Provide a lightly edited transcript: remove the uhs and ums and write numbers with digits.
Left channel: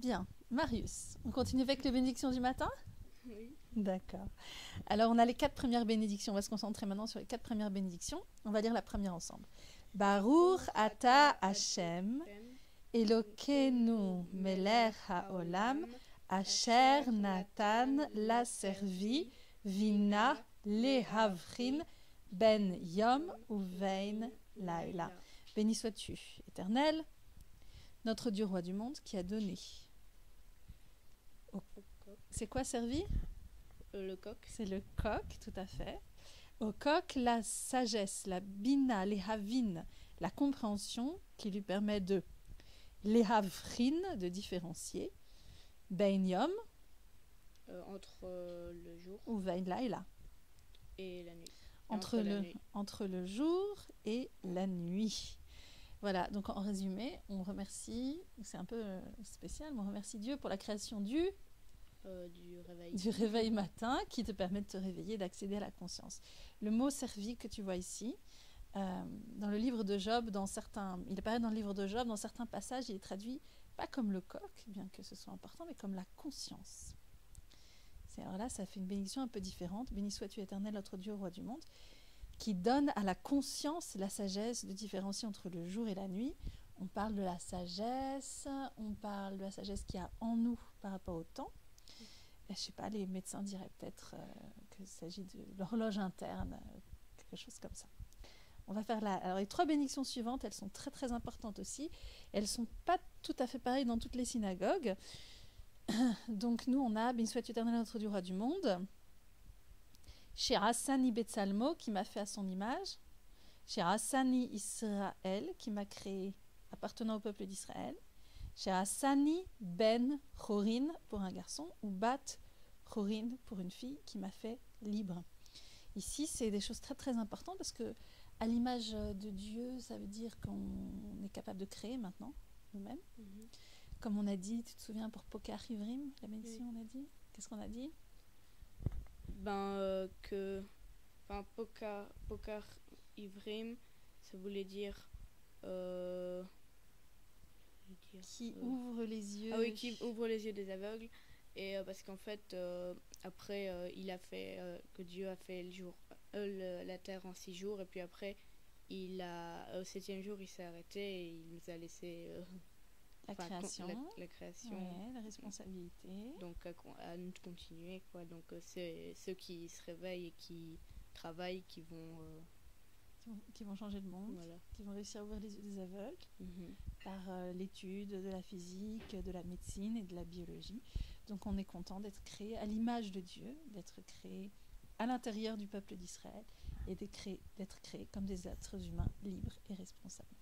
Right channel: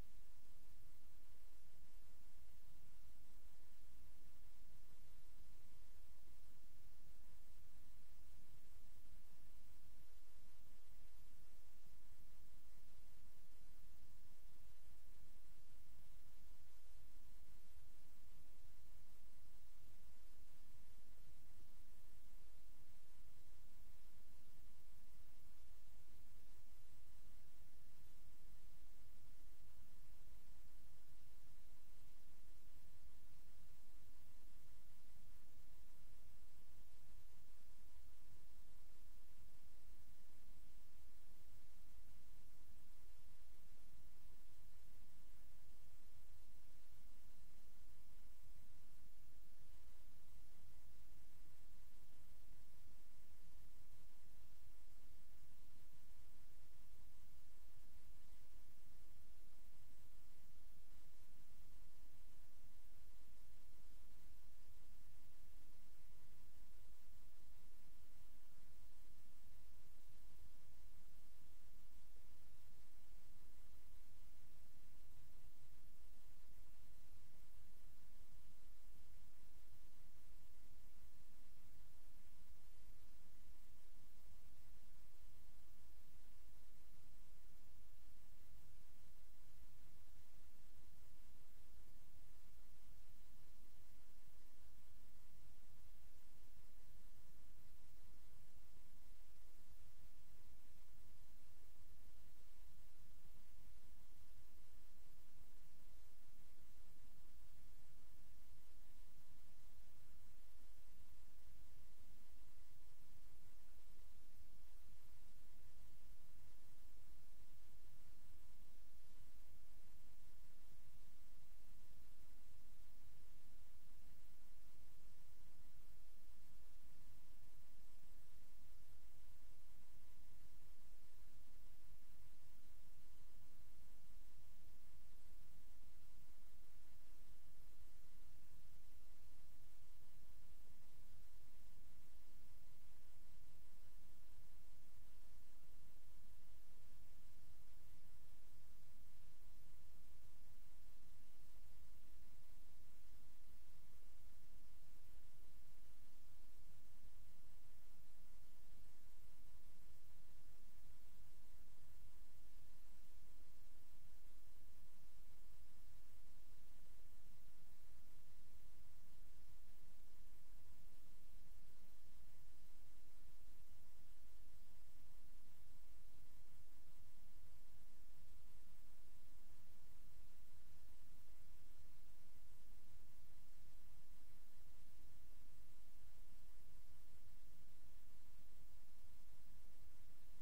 Bien. Marius, on continue avec les bénédictions du matin? Oui. D'accord. Alors, on a les 4 premières bénédictions. On va se concentrer maintenant sur les 4 premières bénédictions. On va lire la première ensemble. Baruch ata Hashem, Elokeinu melech haolam, asher natan la servi, vina lehavrin ben yom uvein laila. Béni sois-tu, Éternel, notre Dieu roi du monde, qui a donné. C'est quoi servi? Le coq. C'est le coq, tout à fait. Au coq, la sagesse, la bina, les havin, la compréhension qui lui permet de les havrin, de différencier, ben yom, Entre le jour ou vein laila, et la nuit. entre le jour et la nuit. Voilà, donc en résumé, on remercie, c'est un peu spécial, mais on remercie Dieu pour la création du réveil matin qui te permet de te réveiller, d'accéder à la conscience. Le mot servi que tu vois ici, dans le livre de Job, il apparaît dans le livre de Job, dans certains passages, il est traduit pas comme le coq, bien que ce soit important, mais comme la conscience. Alors là, ça fait une bénédiction un peu différente. Béni sois-tu, Éternel, notre Dieu, roi du monde, qui donne à la conscience la sagesse de différencier entre le jour et la nuit. On parle de la sagesse, on parle de la sagesse qu'il y a en nous par rapport au temps. Et, je ne sais pas, les médecins diraient peut-être qu'il s'agit de l'horloge interne, quelque chose comme ça. On va faire alors les 3 bénédictions suivantes, elles sont très très importantes aussi. Elles ne sont pas tout à fait pareilles dans toutes les synagogues. Donc nous, on a « Béni sois-tu Éternel, notre Dieu, roi du monde ». Chez Hassani Betsalmo, qui m'a fait à son image. Chez Hassani Israël, qui m'a créé appartenant au peuple d'Israël. Chez Hassani Ben Chorin, pour un garçon, ou Bat Chorin, pour une fille, qui m'a fait libre. Ici, c'est des choses très très importantes parce que à l'image de Dieu, ça veut dire qu'on est capable de créer maintenant, nous-mêmes. Comme on a dit, tu te souviens pour Pokar Ivrim, la bénédiction, on a dit? Qu'est-ce qu'on a dit? Pokar Ivrim, ça voulait dire qui ouvre les yeux. Ah oui, qui ouvre les yeux des aveugles. Et parce qu'en fait, après, il a fait que Dieu a fait le jour, la terre en 6 jours, et puis après, au 7e jour, il s'est arrêté et il nous a laissé la création, ouais, la responsabilité. Donc à nous de continuer, quoi. Donc c'est ceux qui se réveillent et qui travaillent qui vont changer le monde, voilà. Qui vont réussir à ouvrir les yeux des aveugles par l'étude de la physique, de la médecine et de la biologie. Donc on est content d'être créé à l'image de Dieu, d'être créé à l'intérieur du peuple d'Israël et d'être créé comme des êtres humains libres et responsables.